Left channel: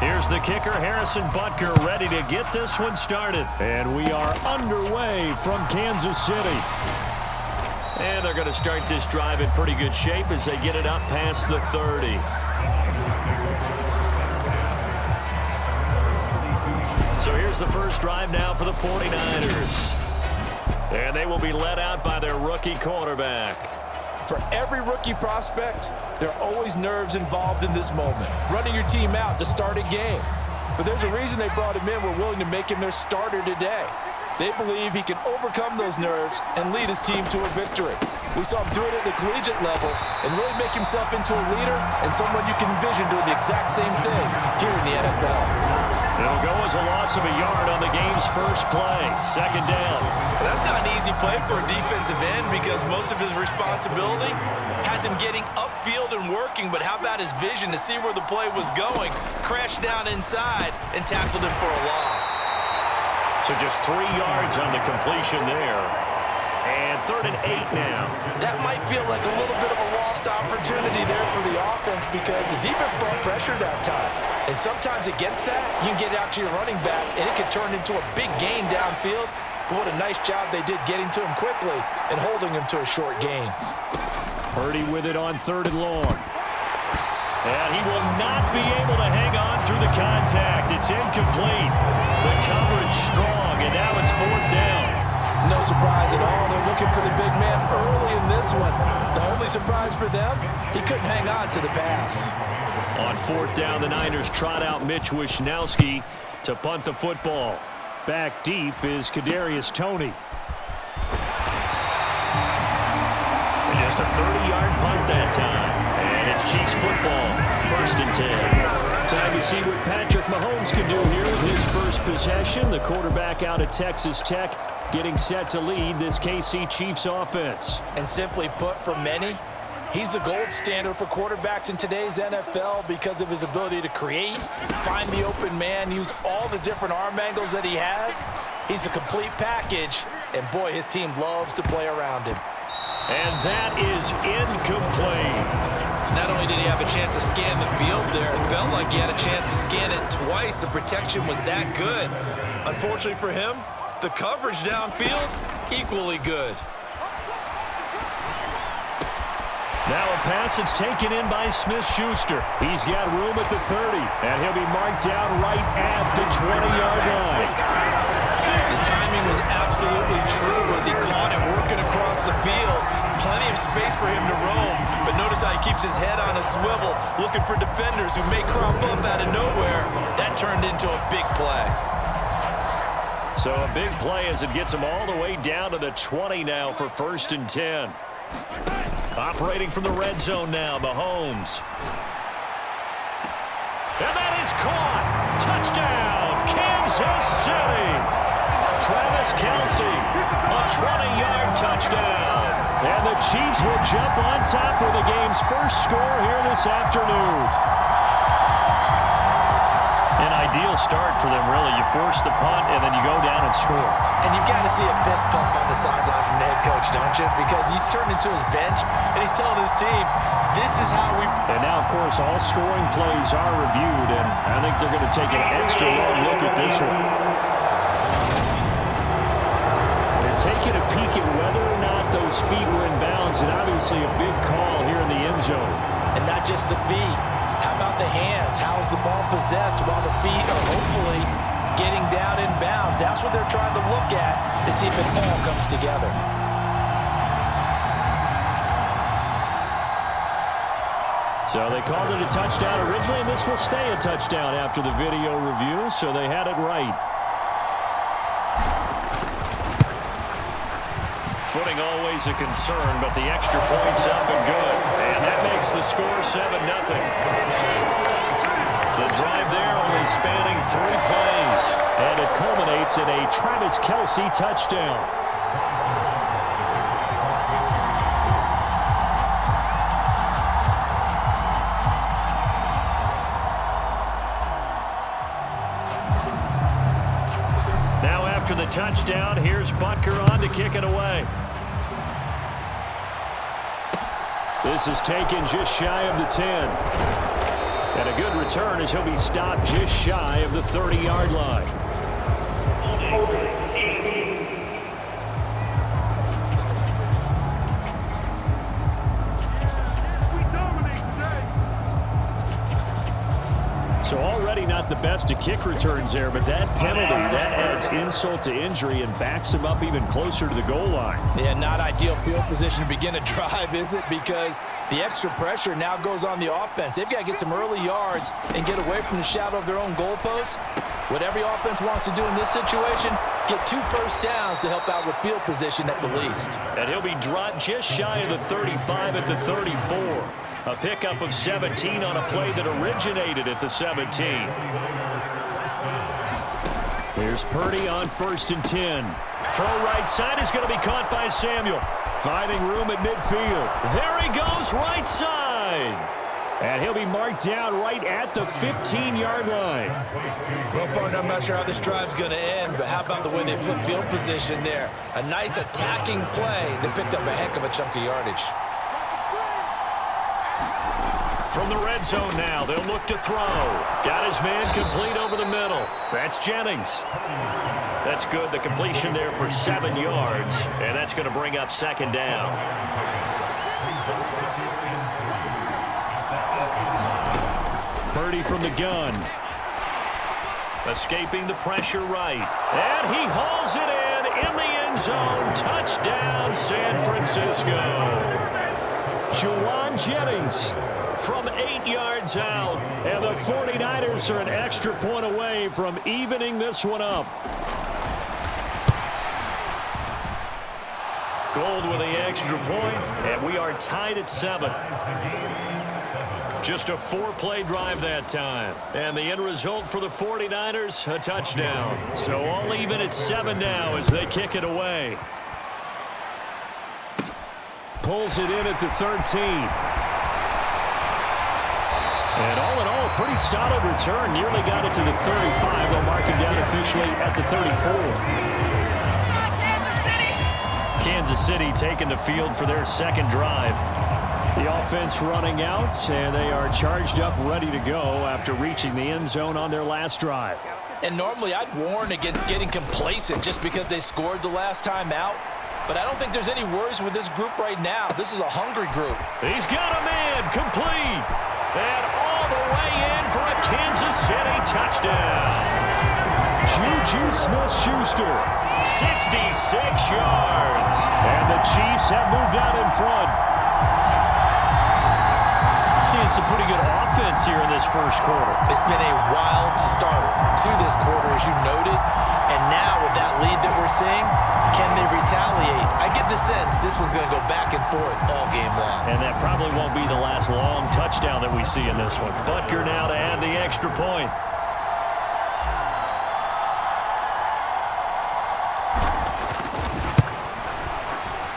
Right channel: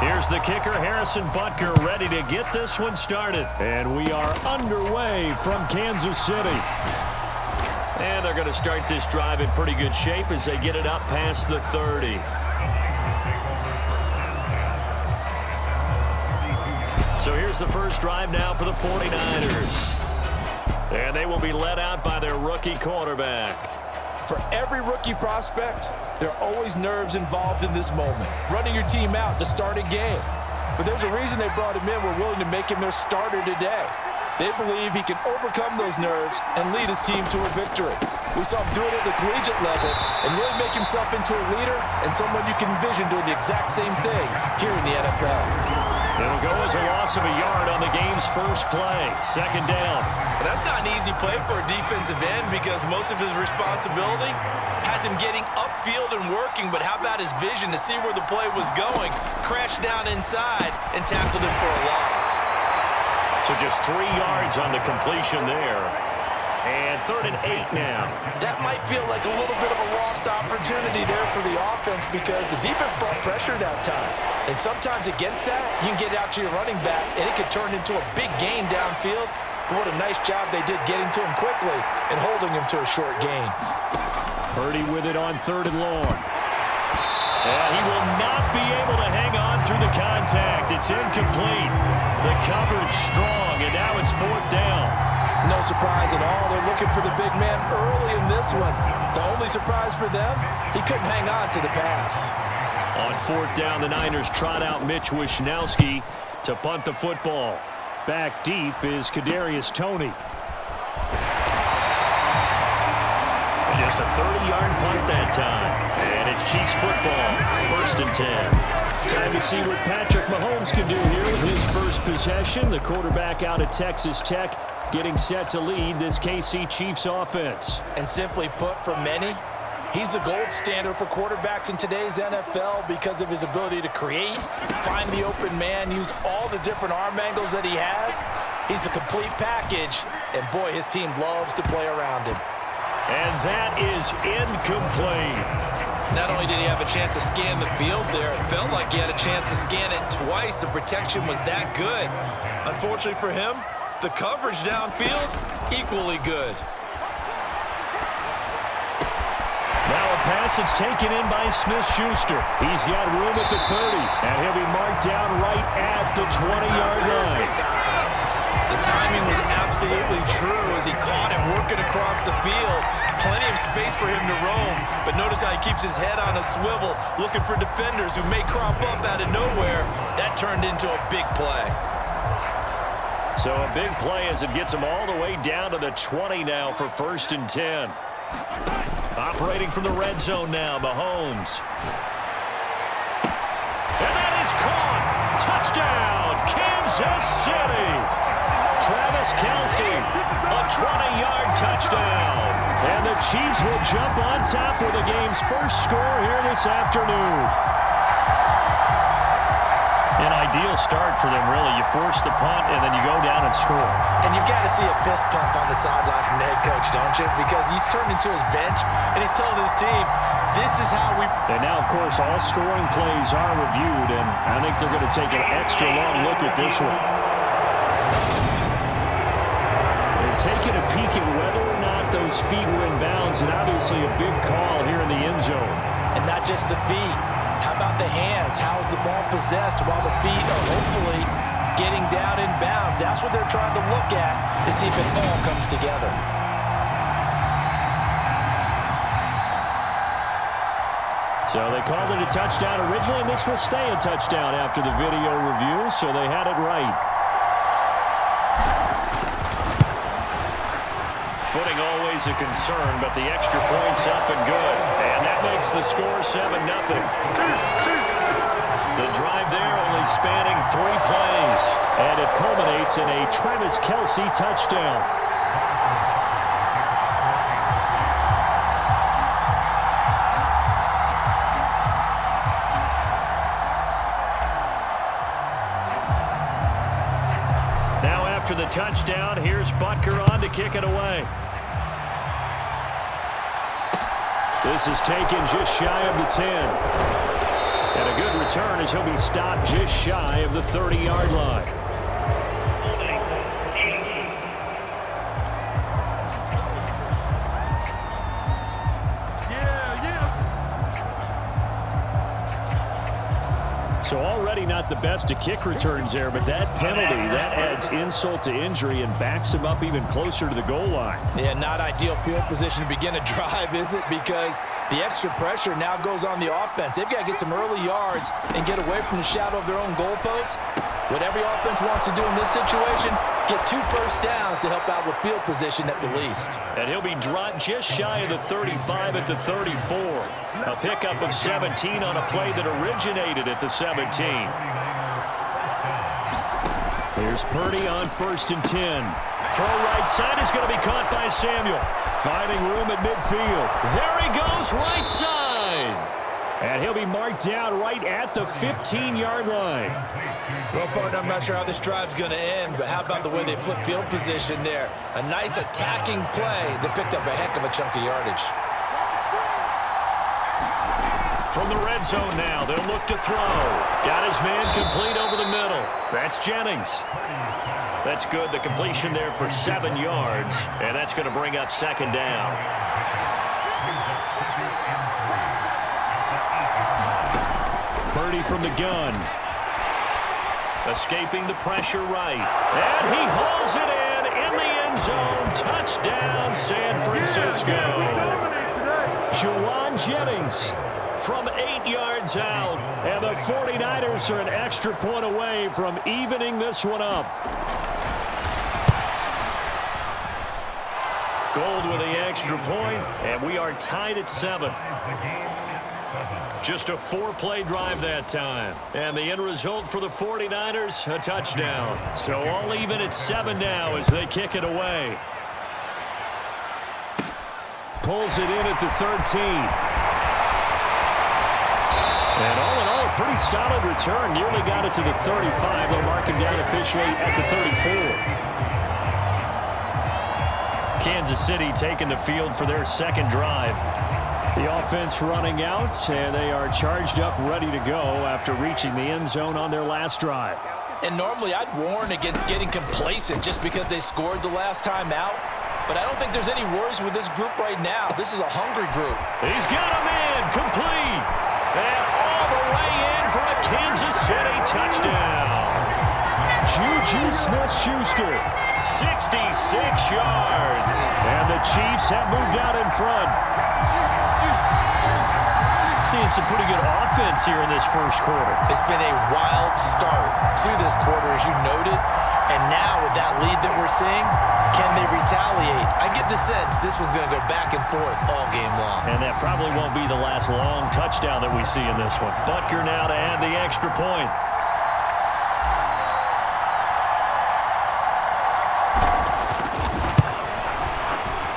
Here's the kicker, Harrison Butker, ready to get this one started. And we are underway from Kansas City. And they're going to start this drive in pretty good shape as they get it up past the 30. So here's the first drive now for the 49ers. And they will be led out by their rookie quarterback. For every rookie prospect, there are always nerves involved in this moment. Running your team out to start a game. But there's a reason they brought him in. We're willing to make him their starter today. They believe he can overcome those nerves and lead his team to a victory. We saw him do it at the collegiate level and really make himself into a leader and someone you can envision doing the exact same thing here in the NFL. It'll go as a loss of a yard on the game's first play. Second down. Well, that's not an easy play for a defensive end because most of his responsibility has him getting upfield and working, but how about his vision to see where the play was going, crashed down inside, and tackled him for a loss. So just 3 yards on the completion there. And 3rd and 8 now. That might feel like a little bit of a lost opportunity there for the offense because the defense brought pressure that time. And sometimes against that, you can get out to your running back, and it could turn into a big gain downfield. But what a nice job they did getting to him quickly and holding him to a short gain. Purdy with it on 3rd and long. And he will not be able to hang on through the contact. It's incomplete. The coverage strong, and now it's 4th down. No surprise at all. They're looking for the big man early in this one. The only surprise for them, he couldn't hang on to the pass. On 4th down, the Niners trot out Mitch Wishnowsky to punt the football. Back deep is Kadarius Toney. And just a 30-yard punt that time. And it's Chiefs football, 1st and 10. Time to see what Patrick Mahomes can do here with his first possession. The quarterback out of Texas Tech getting set to lead this KC Chiefs offense. And simply put, for many, he's the gold standard for quarterbacks in today's NFL because of his ability to create, find the open man, use all the different arm angles that he has. He's a complete package, and boy, his team loves to play around him. And that is incomplete. Not only did he have a chance to scan the field there, it felt like he had a chance to scan it twice. The protection was that good. Unfortunately for him, the coverage downfield, equally good. Now a pass that's taken in by Smith-Schuster. He's got room at the 30, and he'll be marked down right at the 20-yard line. The timing was absolutely true as he caught it working across the field. Plenty of space for him to roam, but notice how he keeps his head on a swivel, looking for defenders who may crop up out of nowhere. That turned into a big play. So a big play as it gets him all the way down to the 20 now for 1st and 10. Operating from the red zone now, Mahomes. And that is caught. Touchdown, Kansas City. Travis Kelce, a 20-yard touchdown. And the Chiefs will jump on top with the game's first score here this afternoon. An ideal start for them, really. You force the punt, and then you go down and score. And you've got to see a fist pump on the sideline from the head coach, don't you? Because he's turned into his bench, and he's telling his team, this is how we... And now, of course, all scoring plays are reviewed, and I think they're going to take an extra long look at this one. They're taking a peek at whether or not those feet were in bounds, and obviously a big call here in the end zone. And not just the feet. How about the hands? How is the ball possessed while the feet are hopefully getting down in bounds? That's what they're trying to look at to see if it all comes together. So they called it a touchdown originally, and this will stay a touchdown after the video review, so they had it right. Footing always a concern, but the extra point's up and good. And that makes the score 7-0. The drive there only spanning 3 plays. And it culminates in a Travis Kelce touchdown. Now after the touchdown, here's Butker on to kick it away. This is taken just shy of the 10. And a good return as he'll be stopped just shy of the 30-yard line. So already not the best of kick returns there, but that penalty, that adds insult to injury and backs him up even closer to the goal line. Yeah, not ideal field position to begin a drive, is it? Because the extra pressure now goes on the offense. They've got to get some early yards and get away from the shadow of their own goalposts. What every offense wants to do in this situation, get 2 first downs to help out with field position at the least. And he'll be dropped just shy of the 35 at the 34. A pickup of 17 on a play that originated at the 17. Here's Purdy on 1st and 10. Throw right side is going to be caught by Samuel. Finding room at midfield. There he goes, right side. And he'll be marked down right at the 15-yard line. Well, partner, I'm not sure how this drive's going to end, but how about the way they flip field position there? A nice attacking play that picked up a heck of a chunk of yardage. From the red zone now, they'll look to throw. Got his man complete over the middle. That's Jennings. That's good. The completion there for 7 yards, and that's going to bring up 2nd down. Purdy from the gun. Escaping the pressure right. And he hauls it in the end zone. Touchdown, San Francisco. Juwan Jennings from 8 yards out, and the 49ers are an extra point away from evening this one up. Gold with the extra point, and we are tied at 7. Just a 4-play drive that time, and the end result for the 49ers, a touchdown. So all even at 7 now as they kick it away. Pulls it in at the 13. And all in all, a pretty solid return. Nearly got it to the 35. They'll mark him down officially at the 34. Kansas City taking the field for their 2nd drive. The offense running out, and they are charged up, ready to go after reaching the end zone on their last drive. And normally I'd warn against getting complacent just because they scored the last time out. But I don't think there's any worries with this group right now. This is a hungry group. He's got a man complete. And all the way in for a Kansas City touchdown. Juju Smith-Schuster, 66 yards. And the Chiefs have moved out in front. Seeing some pretty good offense here in this first quarter. It's been a wild start to this quarter, as you noted. And now with that lead that we're seeing, can they retaliate? I get the sense this one's going to go back and forth all game long. And that probably won't be the last long touchdown that we see in this one. Butker now to add the extra point.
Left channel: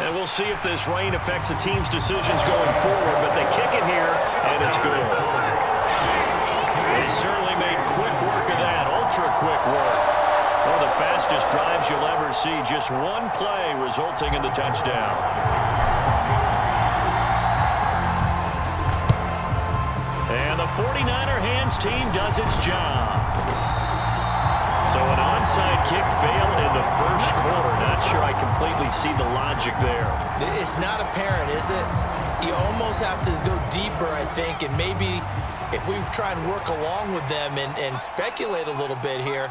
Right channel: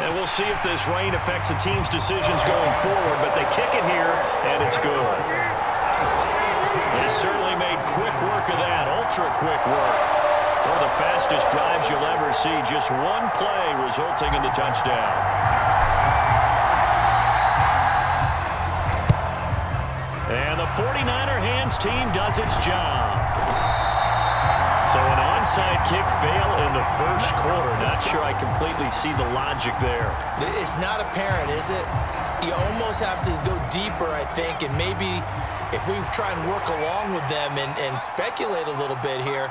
And we'll see if this rain affects the team's decisions going forward, but they kick it here, and it's good. They certainly made quick work of that, ultra-quick work. One of the fastest drives you'll ever see. Just one play resulting in the touchdown. And the 49er hands team does its job. So an onside kick fail in the first quarter. Not sure I completely see the logic there. It's not apparent, is it? You almost have to go deeper, I think, and maybe if we try and work along with them and speculate a little bit here,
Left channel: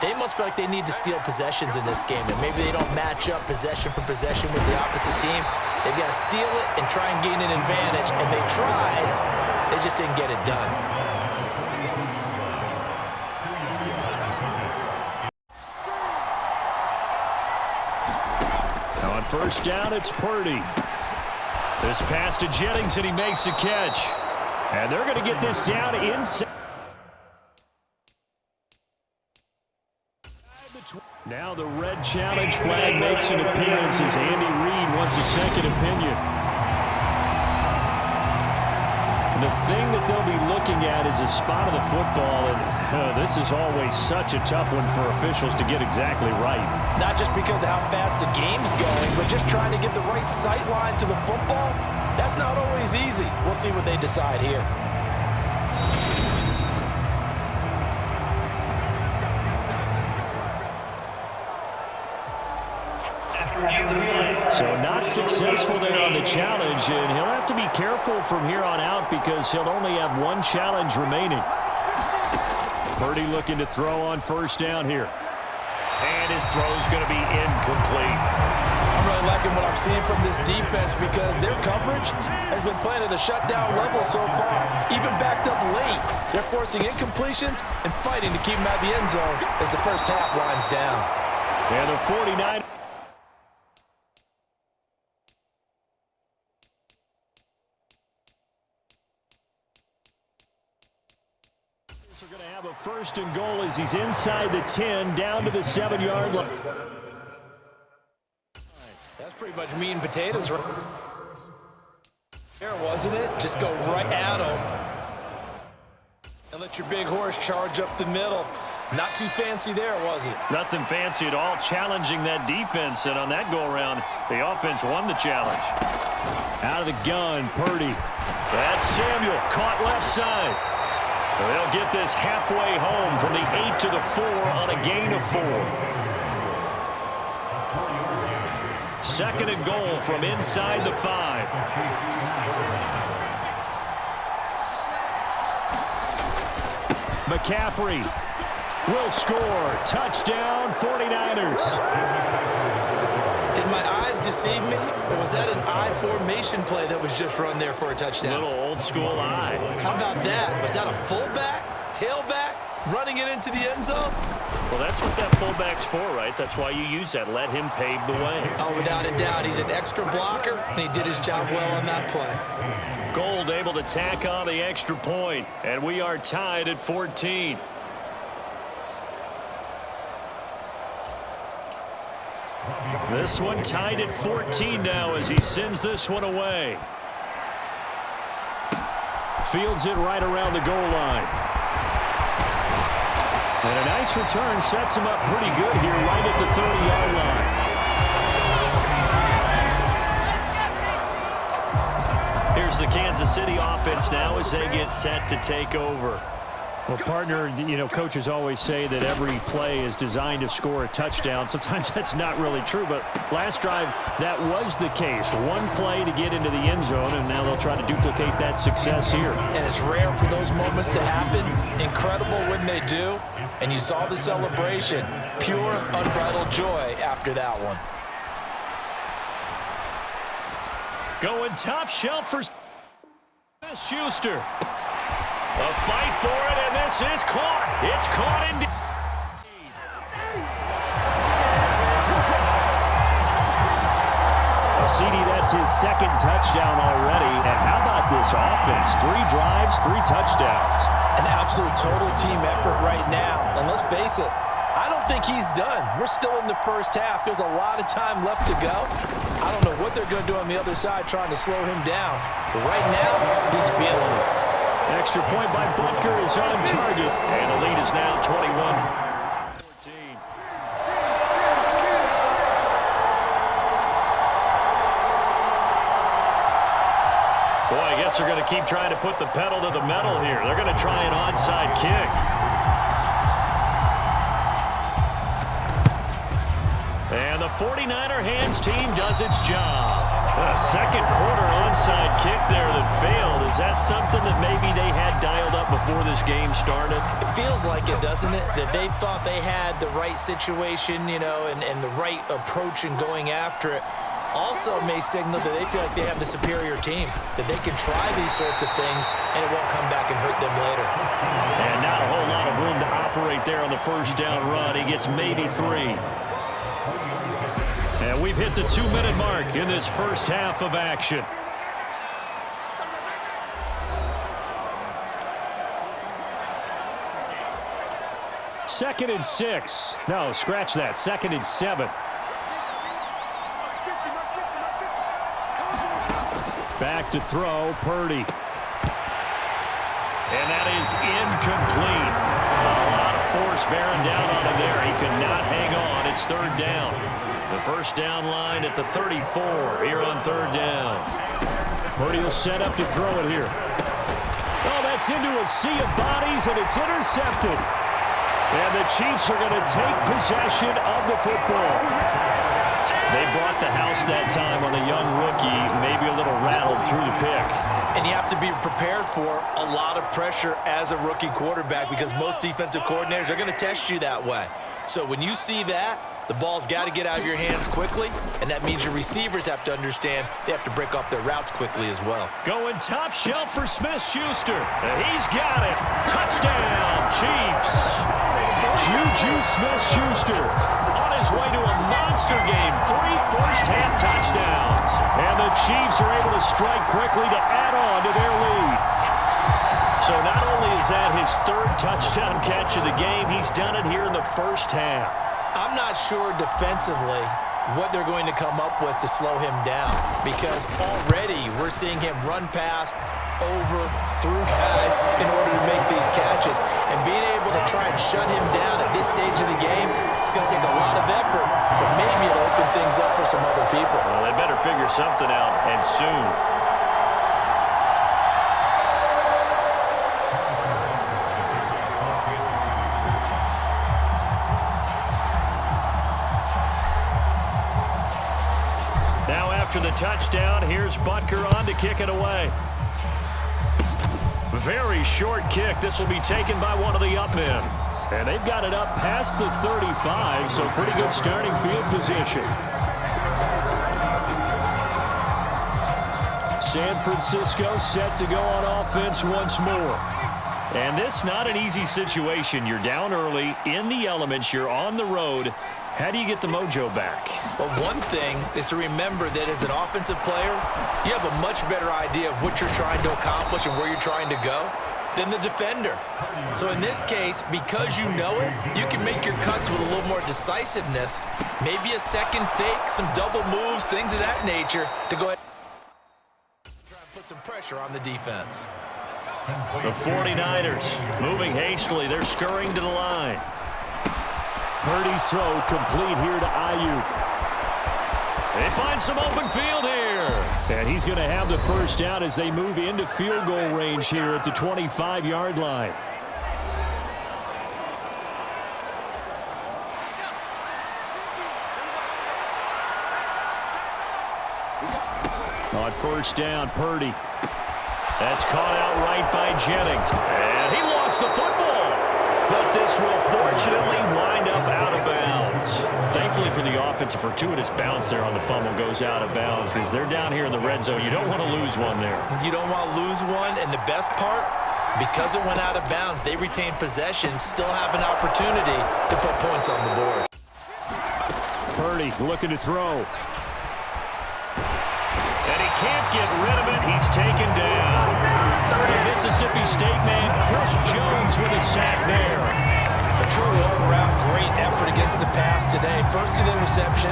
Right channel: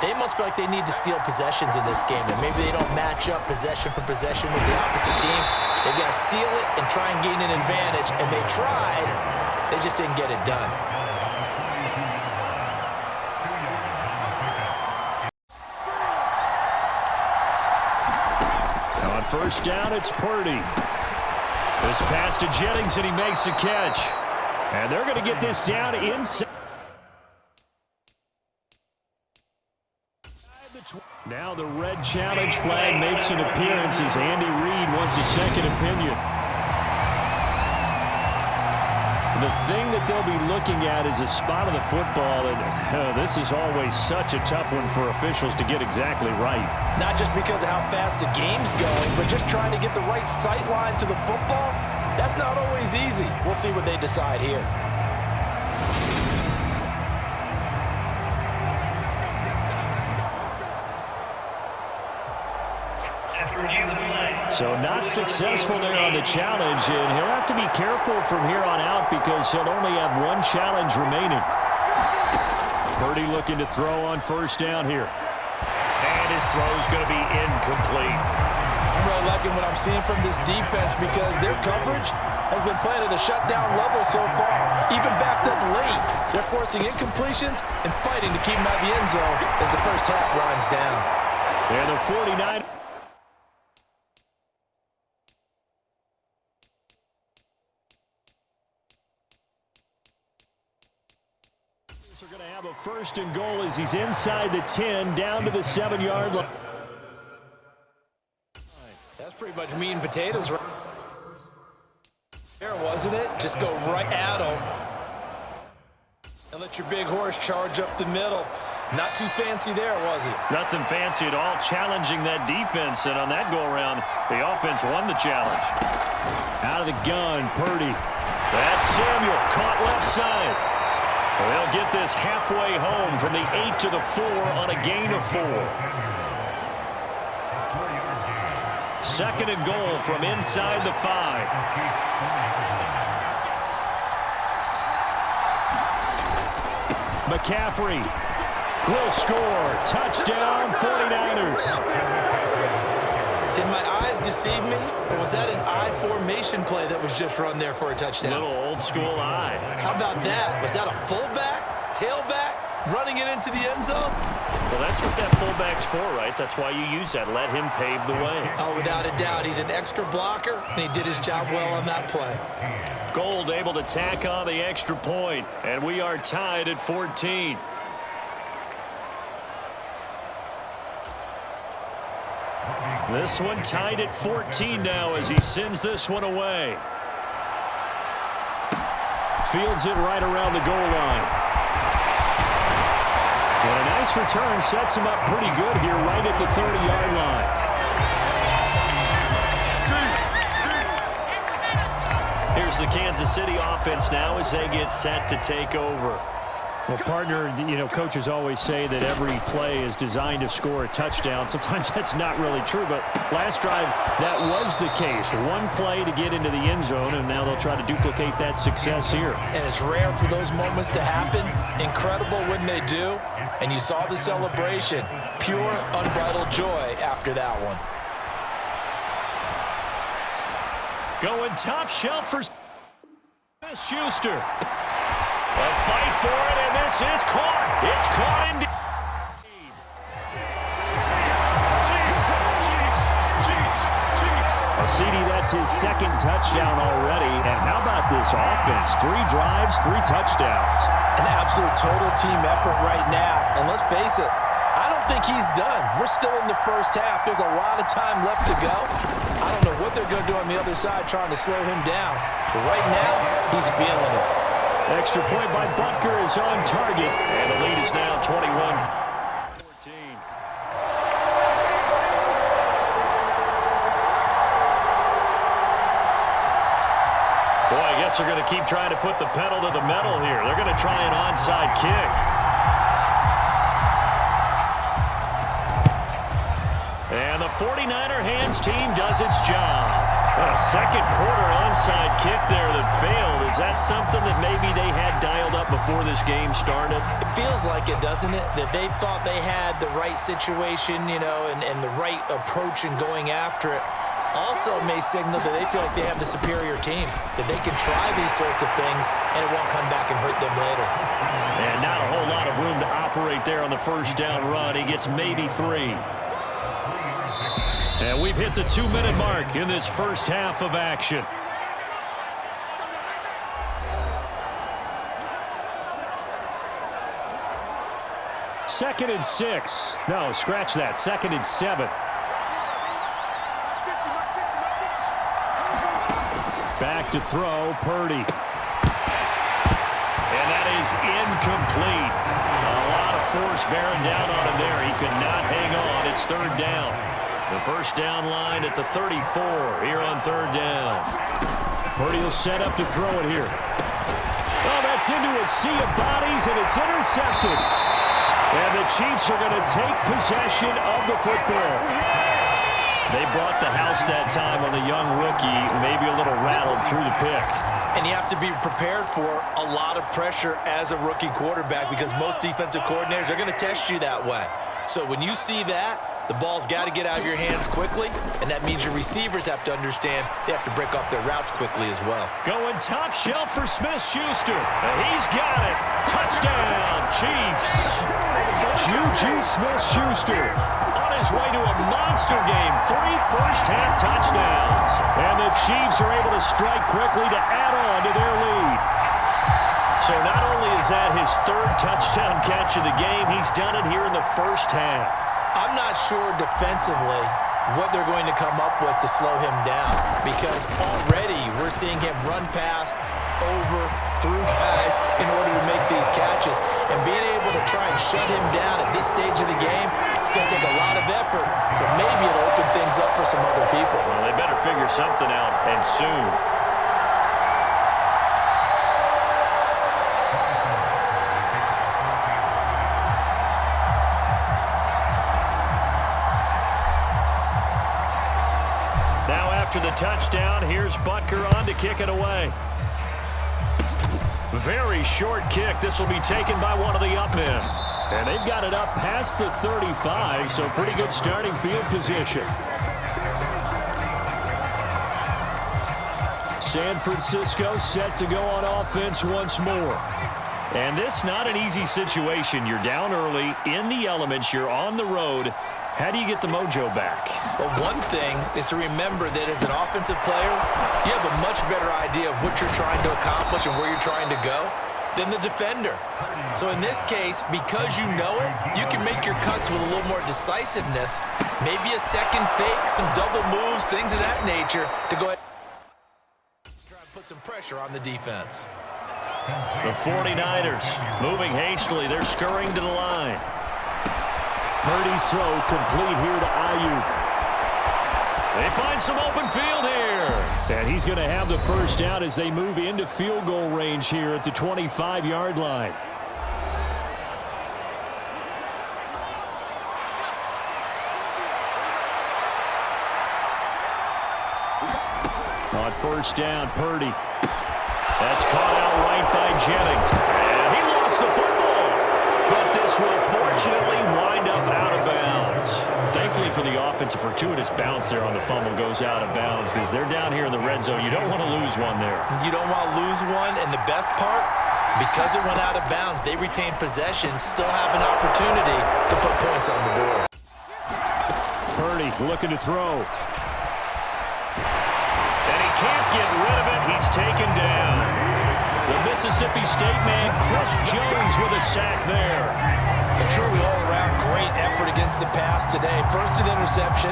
they must feel like they need to steal possessions in this game, and maybe they don't match up possession for possession with the opposite team. They've got to steal it and try and gain an advantage, and they tried. They just didn't get it done. Now on 1st down, it's Purdy. This pass to Jennings, and he makes the catch. And they're going to get this down inside. Now the red challenge flag makes an appearance as Andy Reid wants a second opinion. The thing that they'll be looking at is a spot of the football, and this is always such a tough one for officials to get exactly right. Not just because of how fast the game's going, but just trying to get the right sight line to the football. That's not always easy. We'll see what they decide here. So not successful there on the challenge, and he'll have to be careful from here on out because he'll only have one challenge remaining. Purdy looking to throw on first down here. And his throw's going to be incomplete. I'm really liking what I'm seeing from this defense because their coverage has been playing at a shutdown level so far. Even backed up late, they're forcing incompletions and fighting to keep them out of the end zone as the first half winds down. And the 49. Are going to have a first and goal as he's inside the 10, down to the 7-yard line. That's pretty much meat and potatoes right there, wasn't it? Just go right at him and let your big horse charge up the middle. Not too fancy there, was it? Nothing fancy at all, challenging that defense, and on that go-around, the offense won the challenge. Out of the gun, Purdy. That's Samuel, caught left side. They'll get this halfway home from the 8 to the 4 on a gain of 4. Second and goal from inside the 5. McCaffrey will score. Touchdown, 49ers. Did my eyes deceive me, or was that an I formation play that was just run there for a touchdown? Little old school eye. How about that? Was that a fullback, tailback, running it into the end zone? Well, that's what that fullback's for, right? That's why you use that. Let him pave the way. Oh, without a doubt. He's an extra blocker, and he did his job well on that play. Gold able to tack on the extra point, and we are tied at 14. This one tied at 14 now as he sends this one away. Fields it right around the goal line. And a nice return sets him up pretty good here right at the 30-yard line. Here's the Kansas City offense now as they get set to take over. Well, partner, you know, coaches always say that every play is designed to score a touchdown. Sometimes that's not really true, but last drive, that was the case. One play to get into the end zone, and now they'll try to duplicate that success here. And it's rare for those moments to happen. Incredible when they do. And you saw the celebration. Pure, unbridled joy after that one. Going top shelf for Schuster. A fight for it, and this is caught. It's caught indeed. Well, CD, that's his second touchdown already. And how about this offense? 3 drives, 3 touchdowns. An absolute total team effort right now. And let's face it, I don't think he's done. We're still in the first half. There's a lot of time left to go. I don't know what they're going to do on the other side trying to slow him down. But right now, he's feeling it. Extra point by Butker is on target, and the lead is now 21-14. Boy, I guess they're going to keep trying to put the pedal to the metal here. They're going to try an onside kick. And the 49er hands team does its job. A second quarter onside kick there that failed. Is that something that maybe they had dialed up before this game started? It feels like it, doesn't it? That they thought they had the right situation, you know, and the right approach in going after it. Also may signal that they feel like they have the superior team, that they can try these sorts of things and it won't come back and hurt them later. And not a whole lot of room to operate there on the first down run. He gets maybe 3. And we've hit the 2-minute mark in this first half of action. Second and 6. No, scratch that. Second and 7. Back to throw, Purdy. And that is incomplete. A lot of force bearing down on him there. He could not hang on. It's third down. The first down line at the 34 here on third down. Purdy will set up to throw it here. Oh, that's into a sea of bodies, and it's intercepted. And the Chiefs are going to take possession of the football. They brought the house that time on the young rookie, maybe a little rattled through the pick. And you have to be prepared for a lot of pressure as a rookie quarterback because most defensive coordinators are going to test you that way. So when you see that, the ball's got to get out of your hands quickly, and that means your receivers have to understand they have to break off their routes quickly as well. Going top shelf for Smith-Schuster. He's got it. Touchdown, Chiefs. Juju Smith-Schuster on his way to a monster game. 3 first-half touchdowns. And the Chiefs are able to strike quickly to add on to their lead. So not only is that his 3rd touchdown catch of the game, he's done it here in the first half. I'm not sure defensively what they're going to come up with to slow him down because already we're seeing him run past, over, through guys in order to make these catches. And being able to try and shut him down at this stage of the game, it's going to take a lot of effort. So maybe it'll open things up for some other people. Well, they better figure something out, and soon. Now after the touchdown, here's Butker on to kick it away. Very short kick. This will be taken by one of the up men. And they've got it up past the 35, so pretty good starting field position. San Francisco set to go on offense once more. And this not an easy situation. You're down early, in the elements, you're on the road. How do you get the mojo back? Well, one thing is to remember that as an offensive player, you have a much better idea of what you're trying to accomplish and where you're trying to go than the defender. So in this case, because you know it, you can make your cuts with a little more decisiveness, maybe a second fake, some double moves, things of that nature to go ahead and try and put some pressure on the defense. The 49ers moving hastily. They're scurrying to the line. Purdy's throw complete here to Ayuk. They find some open field here. And he's going to have the first down as they move into field goal range here at the 25-yard line. On first down, Purdy. That's caught out right by Jennings. And he lost the football. But this will fortunately wind up out of bounds. Thankfully for the offense, a fortuitous bounce there on the fumble goes out of bounds because they're down here in the red zone. You don't want to lose one there. You don't want to lose one, and the best part, because it went out of bounds, they retain possession, still have an opportunity to put points on the board. Purdy looking to throw. And he can't get rid of it. He's taken down. The Mississippi State man, Chris Jones, with a sack there. A truly all-around great effort against the pass today. First an interception,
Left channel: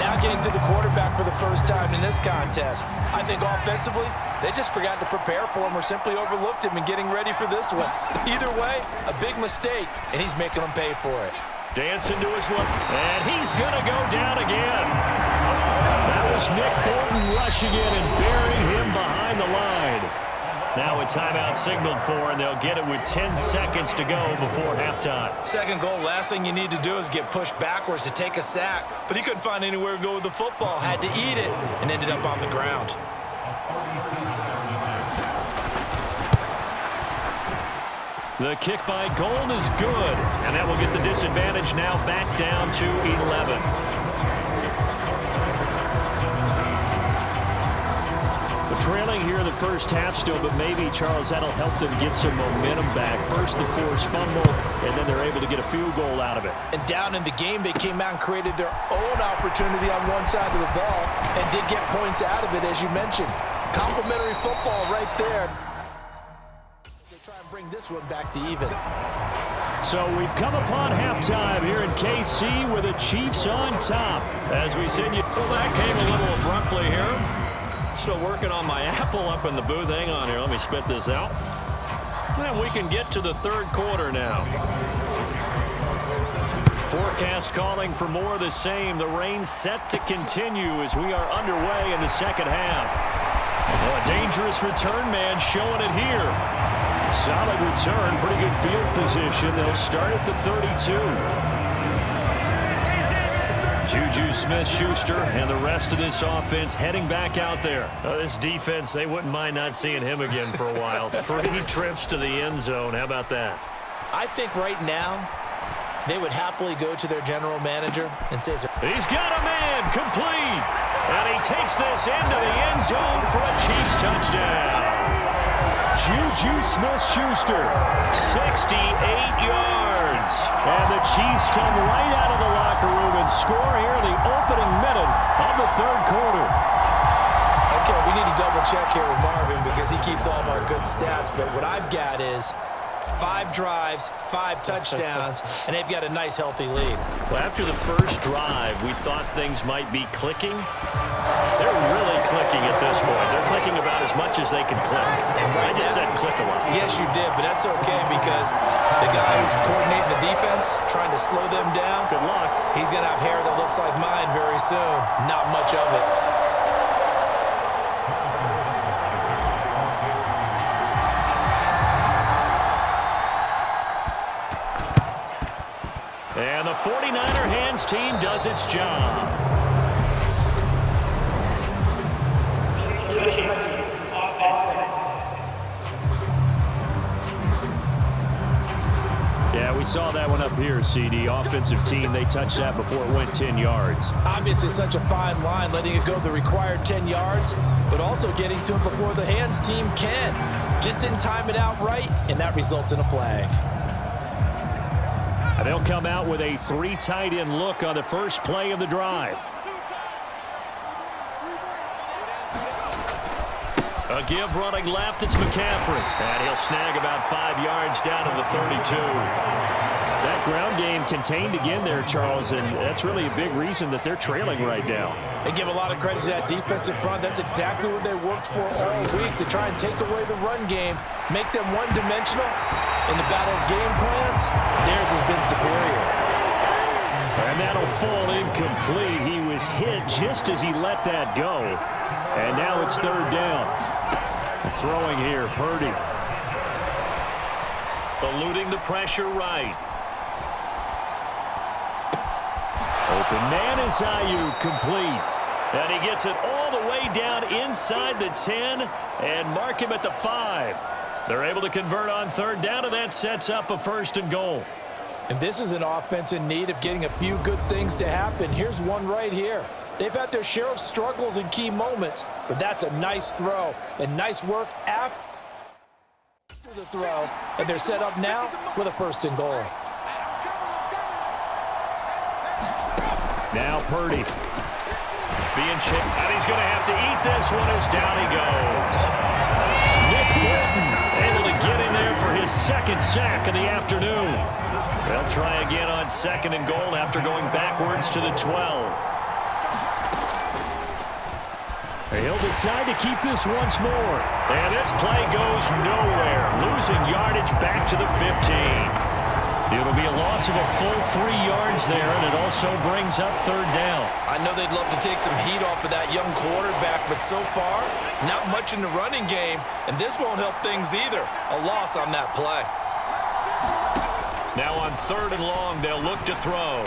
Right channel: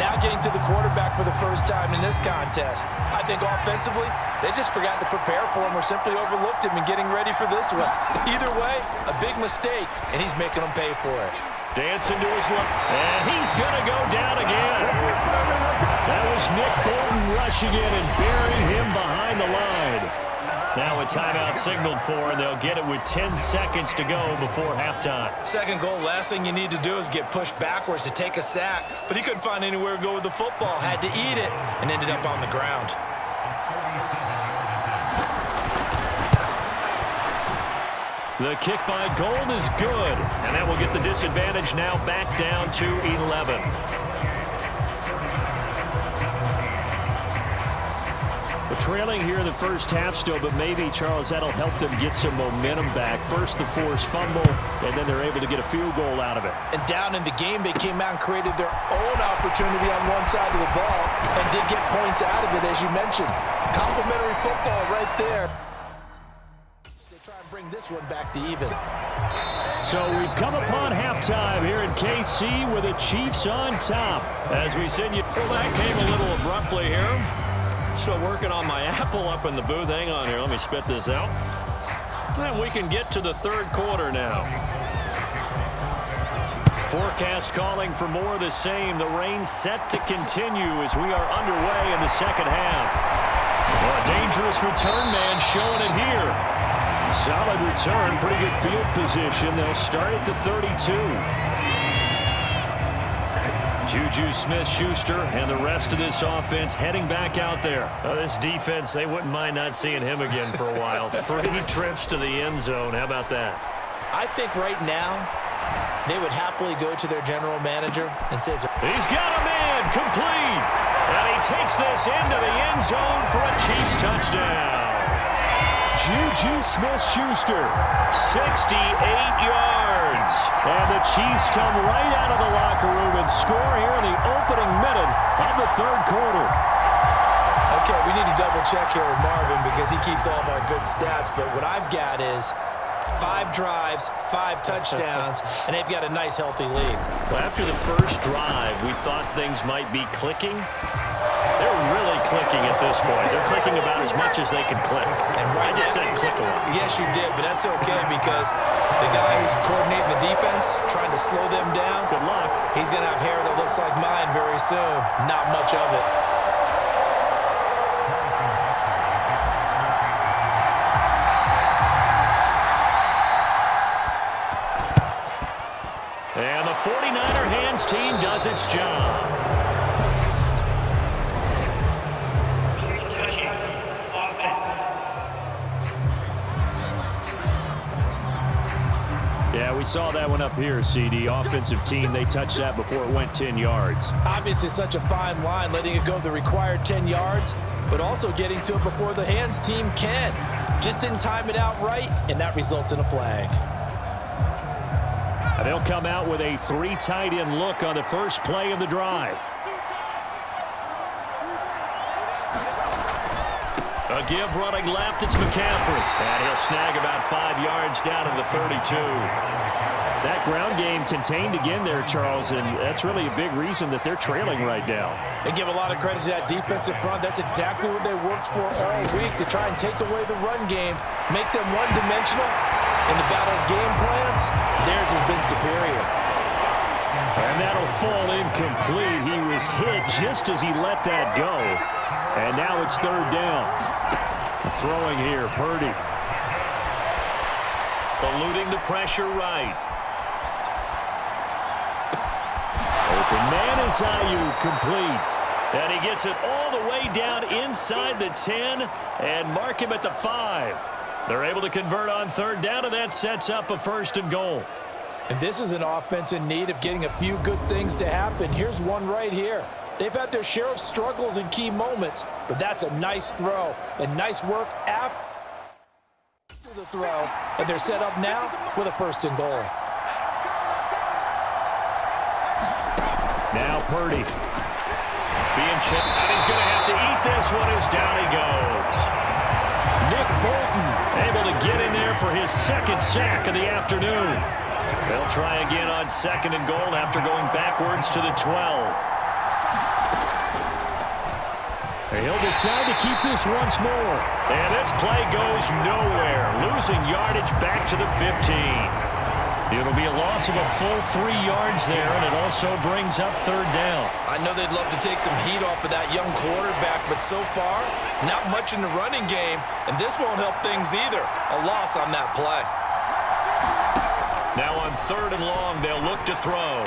now getting to the quarterback for the first time in this contest. I think offensively, they just forgot to prepare for him or simply overlooked him in getting ready for this one. Either way, a big mistake, and he's making them pay for it. Dancing to his left, and he's going to go down again. That was Nick Bolton rushing in and burying him behind the line. Now a timeout signaled for, and they'll get it with 10 seconds to go before halftime. Second goal, last thing you need to do is get pushed backwards to take a sack. But he couldn't find anywhere to go with the football, had to eat it, and ended up on the ground. The kick by Gold is good, and that will get the disadvantage now back down to 11. But trailing here in the first half still, but maybe, Charles, that'll help them get some momentum back. First the forced fumble, and then they're able to get a field goal out of it. And down in the game, they came out and created their own opportunity on one side of the ball and did get points out of it, as you mentioned. Complimentary football right there. They try and bring this one back to even. So we've come upon halftime here in KC with the Chiefs on top. As we said, well, that came a little abruptly here. Still working on my apple up in the booth. Hang on here. Let me spit this out. And we can get to the third quarter now. Forecast calling for more of the same. The rain set to continue as we are underway in the second half. Well, a dangerous return man showing it here. Solid return. Pretty good field position. They'll start at the 32. Juju Smith-Schuster and the rest of this offense heading back out there. This defense, they wouldn't mind not seeing him again for a while. 3 trips to the end zone. How about that? I think right now they would happily go to their general manager and say, he's got a man complete. And he takes this into the end zone for a Chiefs touchdown. Juju Smith-Schuster, 68 yards. And the Chiefs come right out of the locker room and score here in the opening minute of the third quarter. Okay, we need to double check here with Marvin because he keeps all of our good stats. But what I've got is 5 drives, 5 touchdowns, and they've got a nice, healthy lead. Well, after the first drive, we thought things might be clicking. They're really clicking at this point. They're clicking about as much as they can click. And right I just said click a lot. Yes, you did, but that's okay because the guy who's coordinating the defense, trying to slow them down, good luck. He's going to have hair that looks like mine very soon. Not much of it. And the 49er hands team does its job. Yeah, we saw that one up here, CD. Offensive team, they touched that before it went 10 yards. Obviously, such a fine line, letting it go the required 10 yards, but also getting to it before the hands team can. Just didn't time it out right, and that results in a flag. And they'll come out with a 3 tight end look on the first play of the drive. A give running left, it's McCaffrey. And he'll snag about 5 yards down to the 32. That ground game contained again there, Charles, and that's really a big reason that they're trailing right now. They give a lot of credit to that defensive front. That's exactly what they worked for all week, to try and take away the run game, make them one-dimensional. In the battle of game plans, theirs has been superior. And that'll fall incomplete. He was hit just as he let that go. And now it's third down. Throwing here, Purdy. Eluding the pressure right. Open man is Ayuk, complete. And he gets it all the way down inside the 10 and mark him at the 5. They're able to convert on third down, and that sets up a 1st and goal. And this is an offense in need of getting a few good things to happen. Here's one right here. They've had their share of struggles in key moments, but that's a nice throw and nice work after the throw. And they're set up now with a 1st and goal. Now Purdy. Being chipped, and he's going to have to eat this one as down he goes. Nick Bolton able to get in there for his 2nd sack of the afternoon. They'll try again on 2nd and goal after going backwards to the 12. He'll decide to keep this once more. And this play goes nowhere, losing yardage back to the 15. It'll be a loss of a full 3 yards there, and it also brings up third down. I know they'd love to take some heat off of that young quarterback, but so far, not much in the running game, and this won't help things either. A loss on that play. Now on 3rd and long, they'll look to throw.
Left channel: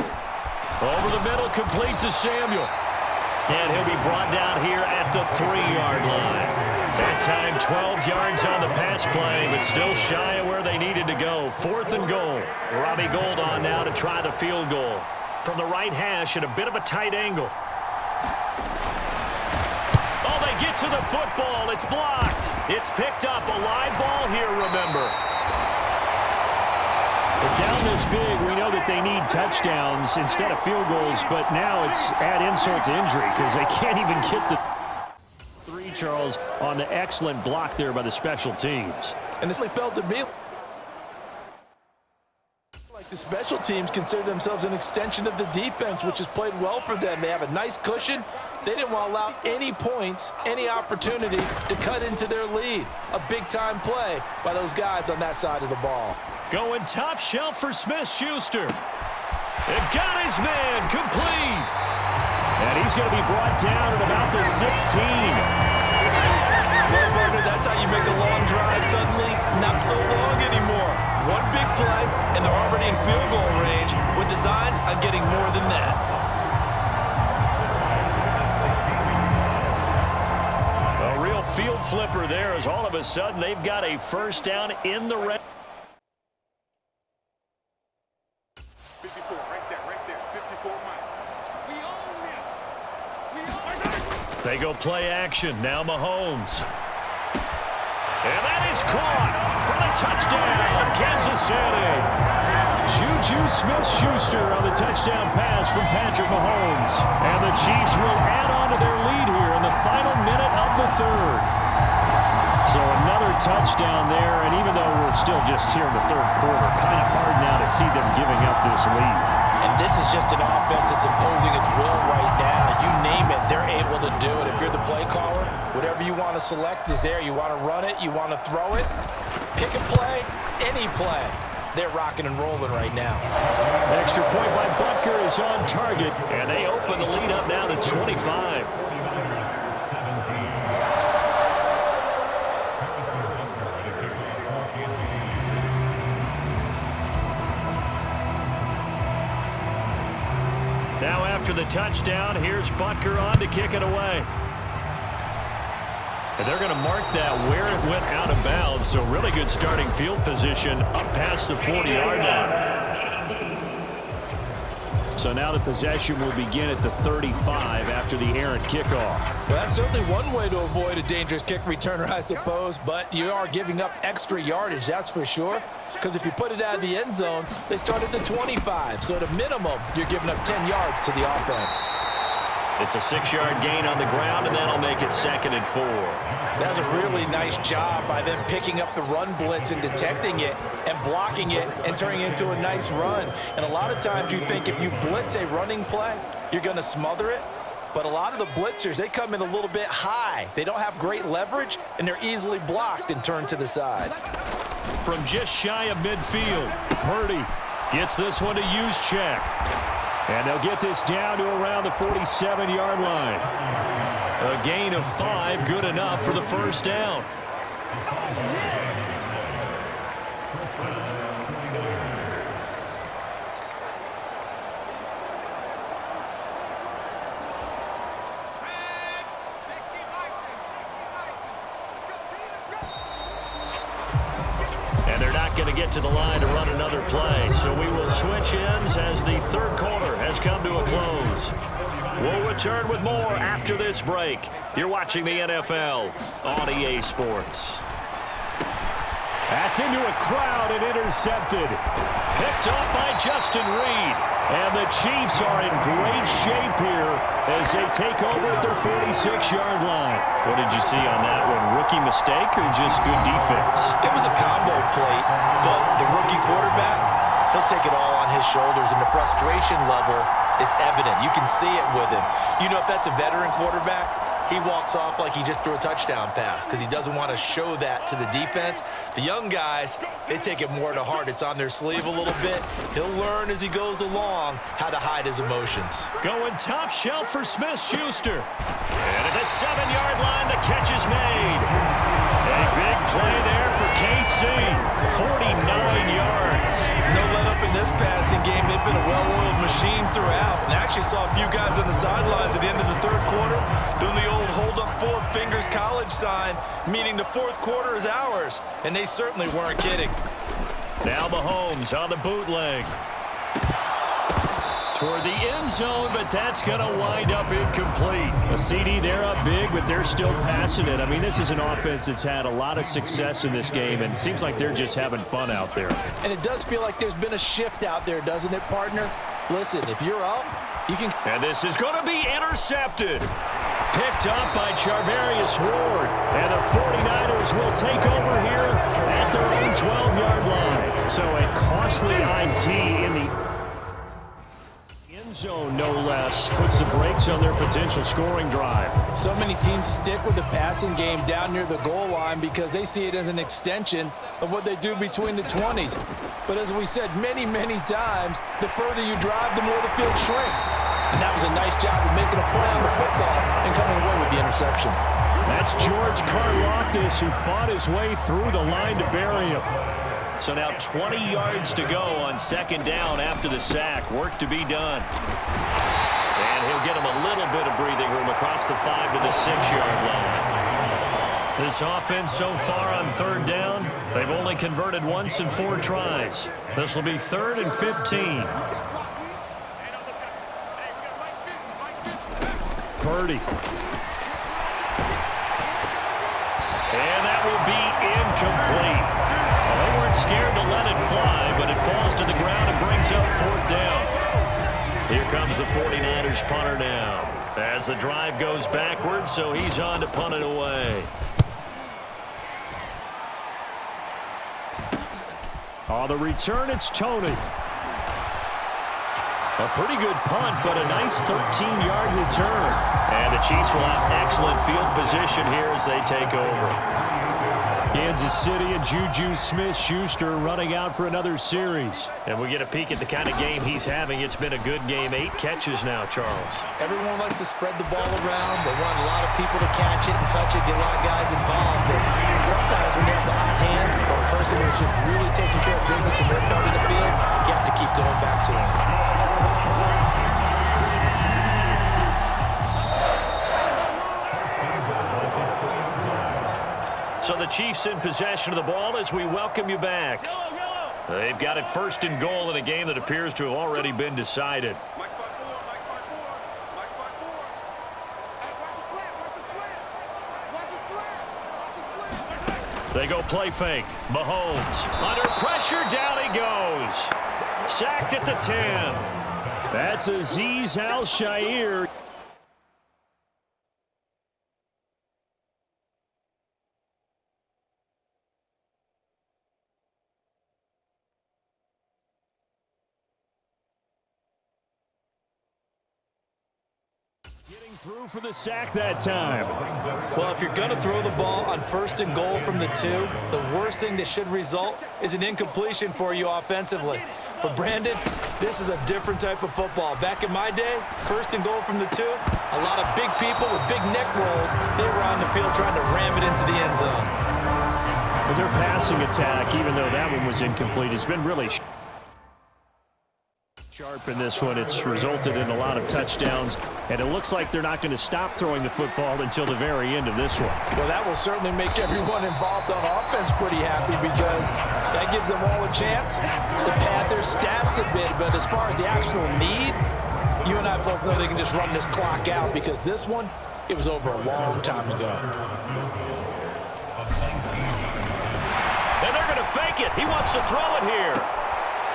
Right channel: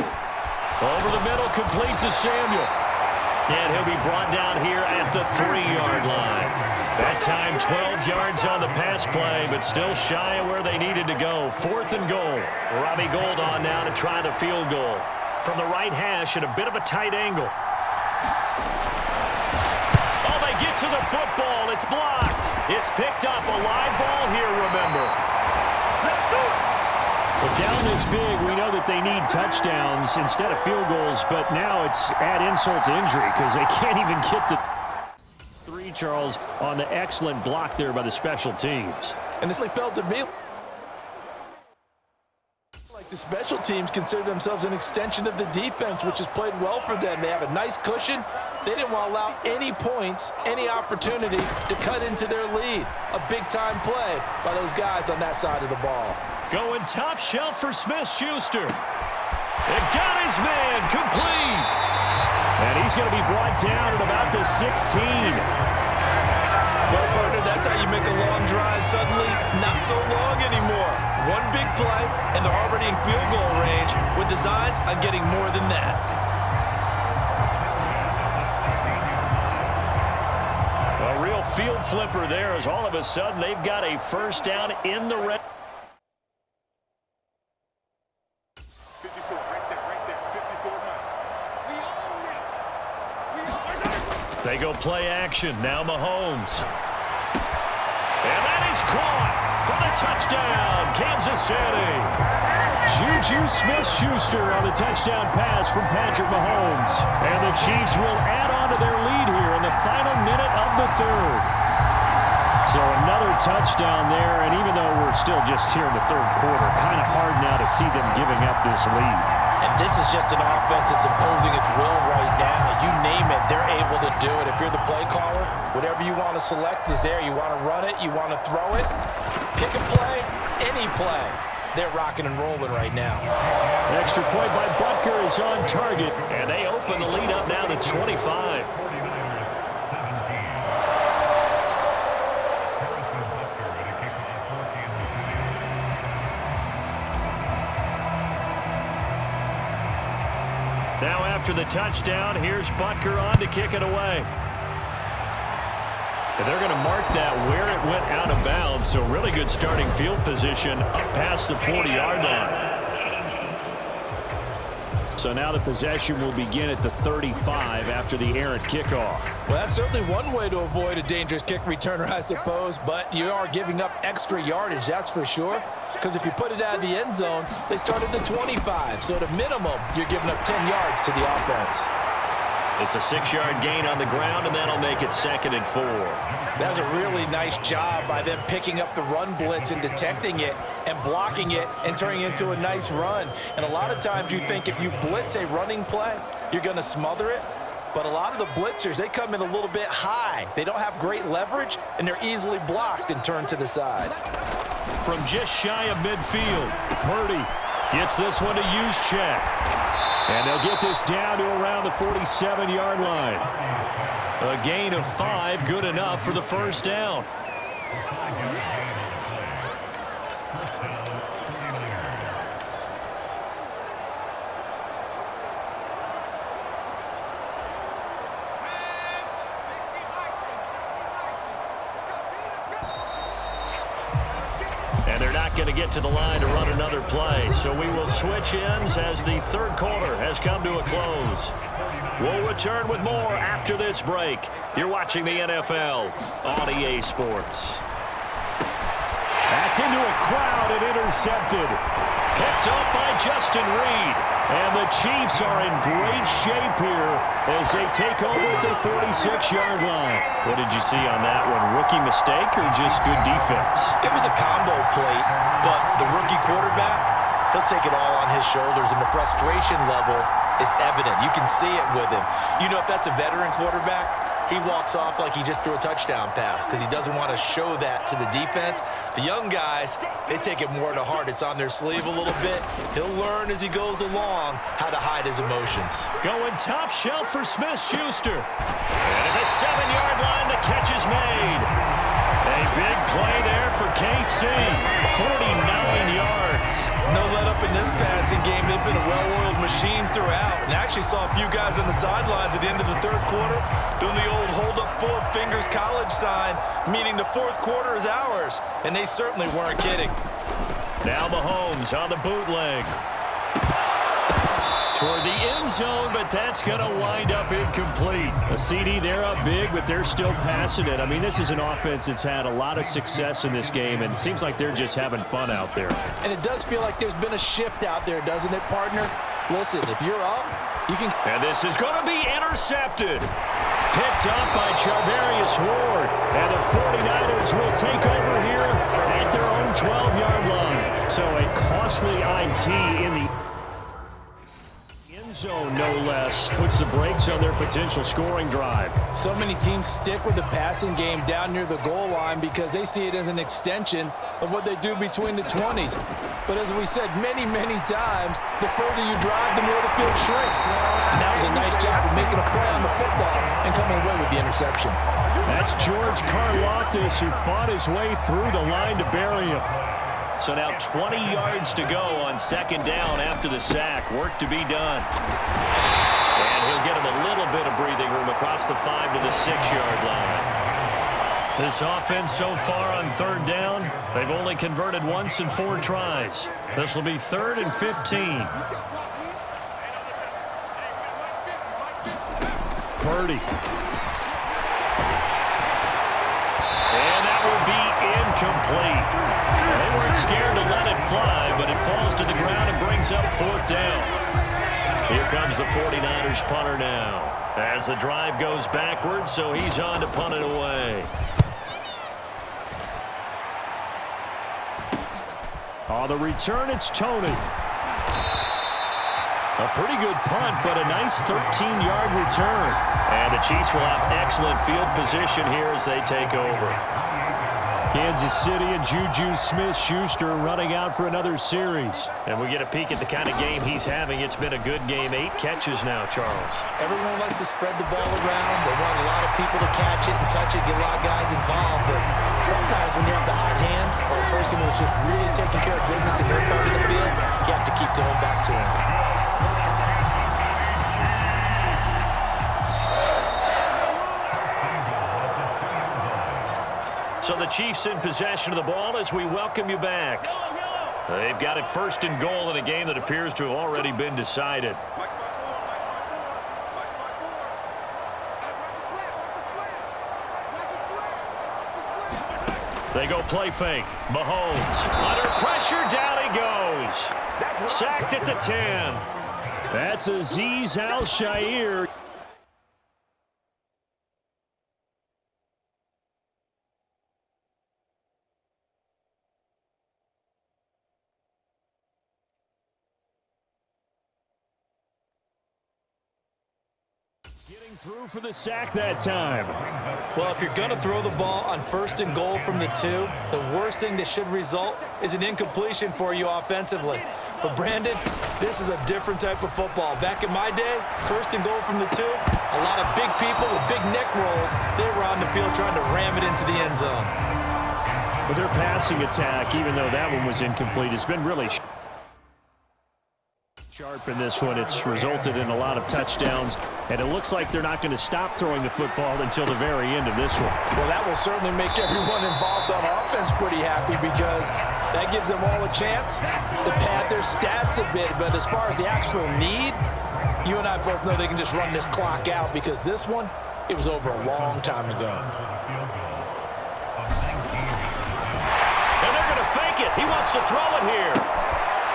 Over the middle, complete to Samuel. And he'll be brought down here at the 3-yard line. That time 12 yards on the pass play, but still shy of where they needed to go. 4th and goal. Robbie Gould on now to try the field goal. From the right hash at a bit of a tight angle. Oh, they get to the football. It's blocked. It's picked up. A live ball here, remember. But down this big, we know that they need touchdowns instead of field goals, but now it's add insult to injury because they can't even get the 3, Charles, on the excellent block there by the special teams. And it's like felt to me like the special teams consider themselves an extension of the defense, which has played well for them. They have a nice cushion. They didn't want to allow any points, any opportunity to cut into their lead. A big-time play by those guys on that side of the ball. Going top shelf for Smith-Schuster. It got his man complete. And he's going to be brought down at about the 16. Well, partner, that's how you make a long drive suddenly not so long anymore. One big play, and they're already in field goal range with designs on getting more than that. field flipper there as all of a sudden they've got a first down in the red. 54, right there, 54 Mike. We own them. We own them. They go play action. Now Mahomes. And that is caught for the touchdown, Kansas City. Juju Smith-Schuster on the touchdown pass from Patrick Mahomes. And the Chiefs will add on to their lead here in the final minute of the third. So another touchdown there, and even though we're still just here in the third quarter, kind of hard now to see them giving up this lead. And this is just an offense that's imposing its will right now. You name it, they're able to do it. If you're the play caller, whatever you want to select is there. You want to run it, you want to throw it, pick a play, any play. They're rocking and rolling right now. Extra point by Butker is on target, and they open the lead up now to 25. Now after the touchdown, here's Butker on to kick it away. And they're going to mark that where it went out of bounds, so really good starting field position up past the 40-yard line. So now the possession will begin at the 35 after the errant kickoff. Well, that's certainly one way to avoid a dangerous kick returner, I suppose, but you are giving up extra yardage, that's for sure, because if you put it out of the end zone, they start at the 25, so at a minimum, you're giving up 10 yards to the offense. It's a 6-yard gain on the ground, and that'll make it 2nd and 4. That's a really nice job by them picking up the run blitz and detecting it and blocking it and turning it into a nice run. And a lot of times you think if you blitz a running play, you're going to smother it. But a lot of the blitzers, they come in a little bit high. They don't have great leverage, and they're easily blocked and turned to the side. From just shy of midfield, Purdy gets this one to Juszczyk. And they'll get this down to around the 47-yard line. A gain of 5, good enough for the first down. And they're not going to get to the line to run another play. So we will switch ends as the third quarter has come to a close. We'll return with more after this break. You're watching the NFL on EA Sports. That's into a crowd and intercepted. Picked up by Justin Reed. And the Chiefs are in great shape here as they take over at their 46-yard line. What did you see on that one? Rookie mistake or just good defense? It was a combo plate, but the rookie quarterback, he'll take it all on his shoulders, and the frustration level is evident. You can see it with him. You know, if that's a veteran quarterback, he walks off like he just threw a touchdown pass because he doesn't want to show that to the defense. The young guys, they take it more to heart. It's on their sleeve a little bit. He'll learn as he goes along how to hide his emotions. Going top shelf for Smith-Schuster. And at the 7-yard line, the catch is made. A big play there for KC. 49 yards. No let up in this passing game. They've been a well-oiled machine throughout. And actually saw a few guys on the sidelines at the end of the third quarter doing the old hold up 4 fingers college sign, meaning the fourth quarter is ours. And they certainly weren't kidding. Now Mahomes on the bootleg. Toward the end zone, but that's going to wind up incomplete. A CD, they're up big, but they're still passing it. I mean, this is an offense that's had a lot of success in this game, and it seems like they're just having fun out there. And it does feel like there's been a shift out there, doesn't it, partner? Listen, if you're up, you can... And this is going to be intercepted. Picked up by Charvarius Ward. And the 49ers will take over here at their own 12-yard line. So a costly IT in the end zone, no less, puts the brakes on their potential scoring drive. So many teams stick with the passing game down near the goal line because they see it as an extension of what they do between the 20s. But as we said many, many times, the further you drive, the more the field shrinks. And that was a nice job of making a play on the football and coming away with the interception. That's George Karlaftis, who fought his way through the line to bury him. So now 20 yards to go on second down after the sack. Work to be done. And he'll get him a little bit of breathing room across the 5 to the 6-yard line. This offense so far on third down, they've only converted once in 4 tries. This will be 3rd and 15. Purdy. And that will be incomplete. Well, they weren't scared to let it fly, but it falls to the ground and brings up 4th down. Here comes the 49ers punter now, as the drive goes backwards, so he's on to punt it away. On the return, it's Tony. A pretty good punt, but a nice 13-yard return. And the Chiefs will have excellent field position here as they take over. Kansas City and Juju Smith-Schuster running out for another series. And we get a peek at the kind of game he's having. It's been a good game. 8 catches now, Charles. Everyone likes to spread the ball around. They want a lot of people to catch it and touch it, get a lot of guys involved. But sometimes when you have the hot hand or a person who's just really taking care of business in their part of the field, you have to keep going back to him. So the Chiefs in possession of the ball as we welcome you back. They've got it 1st and goal in a game that appears to have already been decided. They go play fake. Mahomes under pressure. Down he goes. Sacked at the 10. That's Azeez Al-Shaair. Getting through for the sack that time. Well, if you're going to throw the ball on 1st and goal from the 2, the worst thing that should result is an incompletion for you offensively. But, Brandon, this is a different type of football. Back in my day, 1st and goal from the 2, a lot of big people with big neck rolls, they were on the field trying to ram it into the end zone. But their passing attack, even though that one was incomplete, has been really sharp in this one. It's resulted in a lot of touchdowns, and it looks like they're not going to stop throwing the football until the very end of this one. Well, that will certainly make everyone involved on offense pretty happy because that gives them all a chance to pad their stats a bit. But as far as the actual need, you and I both know they can just run this clock out because this one, it was over a long time ago. And they're going to fake it. He wants to throw it here.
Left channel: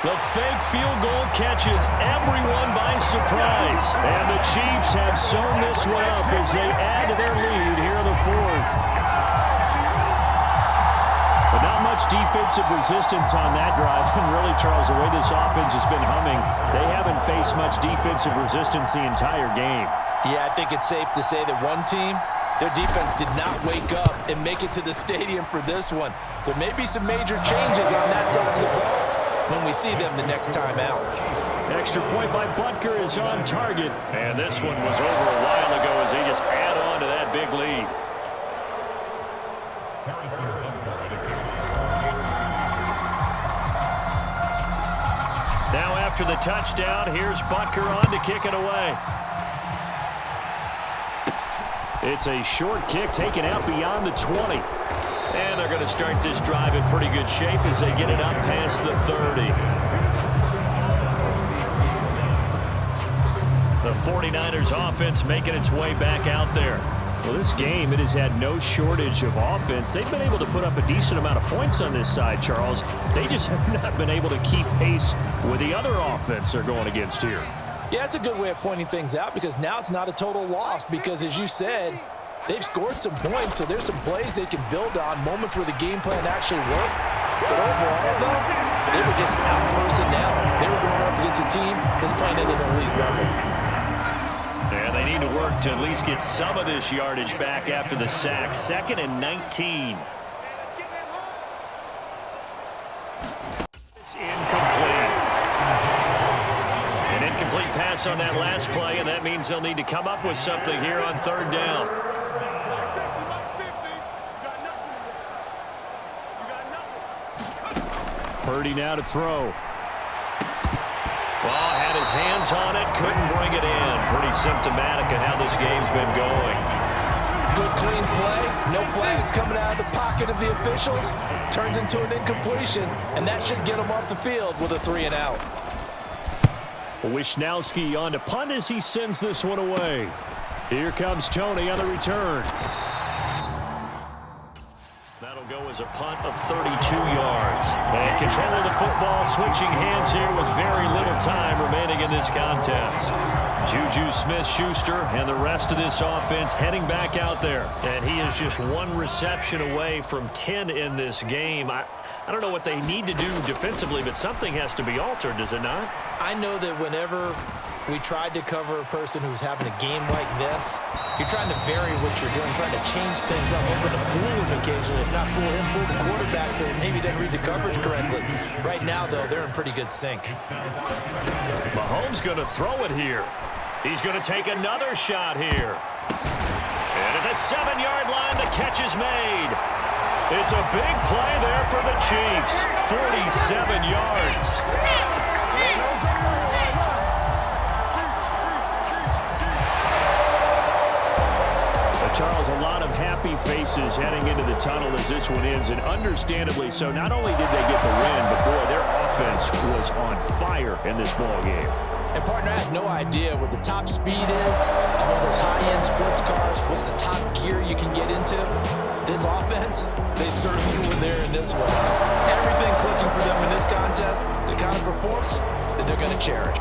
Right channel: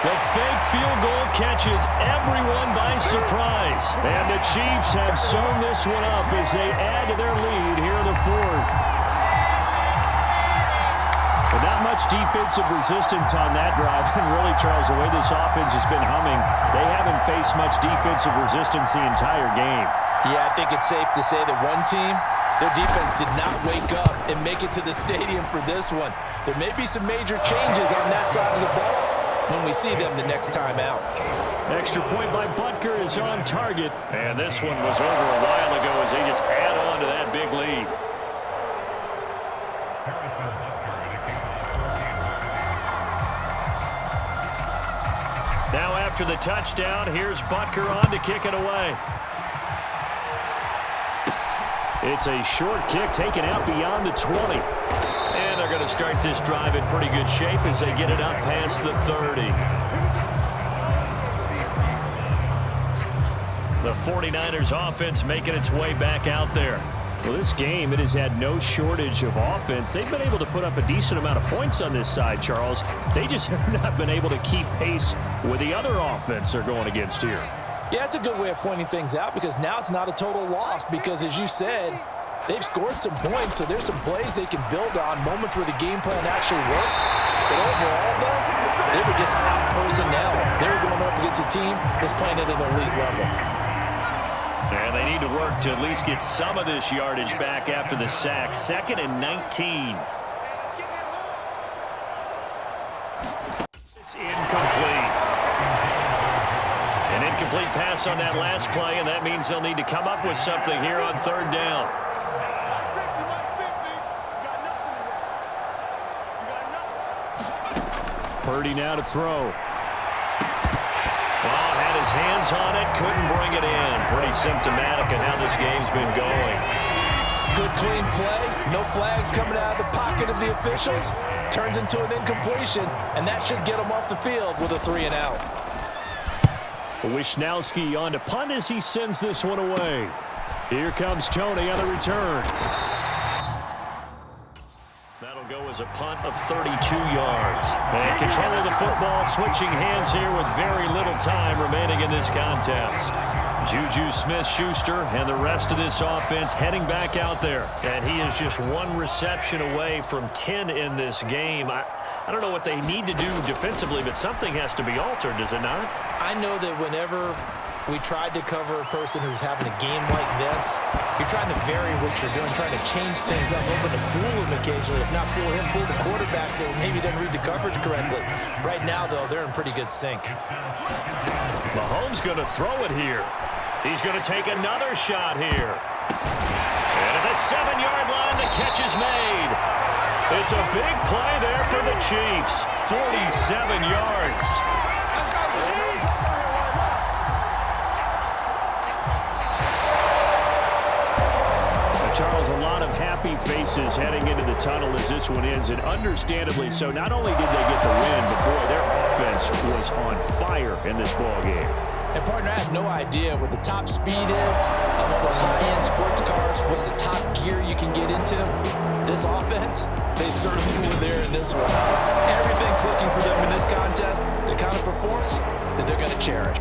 The fake field goal catches everyone by surprise. And the Chiefs have sewn this one up as they add to their lead here in the 4th. But not much defensive resistance on that drive. And really, Charles, the way this offense has been humming, they haven't faced much defensive resistance the entire game. Yeah, I think it's safe to say that one team, their defense did not wake up and make it to the stadium for this one. There may be some major changes on that side of the ball when we see them the next time out. Extra point by Butker is on target. And this one was over a while ago as they just add on to that big lead. Now after the touchdown, here's Butker on to kick it away. It's a short kick taken out beyond the 20. And they're going to start this drive in pretty good shape as they get it up past the 30. The 49ers offense making its way back out there. Well, this game, it has had no shortage of offense. They've been able to put up a decent amount of points on this side, Charles. They just have not been able to keep pace with the other offense they're going against here. Yeah, it's a good way of pointing things out because now it's not a total loss because, as you said, they've scored some points, so there's some plays they can build on, moments where the game plan actually worked. But overall, though, they were just out personnel. They were going up against a team that's playing at an elite level. And they need to work to at least get some of this yardage back after the sack. 2nd and 19. It's incomplete. An incomplete pass on that last play, and that means they'll need to come up with something here on 3rd down. Purdy now to throw. Well, had his hands on it, couldn't bring it in. Pretty symptomatic of how this game's been going. good, clean play. No flags coming out of the pocket of the officials. Turns into an incompletion, and that should get them off the field with a 3-and-out. Wishnowski on to punt as he sends this one away. Here comes Tony on the return. That'll go as a punt of 32 yards. And control of the football, switching hands here with very little time remaining in this contest. Juju Smith-Schuster and the rest of this offense heading back out there. And he is just one reception away from 10 in this game. I don't know what they need to do defensively, but something has to be altered, does it not? I know that whenever we tried to cover a person who's having a game like this, you're trying to vary what you're doing, trying to change things up, hoping to fool him occasionally. If not fool him, fool the quarterback so maybe he doesn't read the coverage correctly. Right now, though, they're in pretty good sync. Mahomes going to throw it here. He's going to take another shot here. And at the 7-yard line, the catch is made. It's a big play there for the Chiefs. 47 yards. Charles, a lot of happy faces heading into the tunnel as this one ends, and understandably so. Not only did they get the win, but boy, their offense was on fire in this ball game. And partner, I have no idea what the top speed is of all those high-end sports cars. What's the top gear you can get into? This offense, they certainly were there in this one. Everything clicking for them in this contest, the kind of performance that they're going to cherish.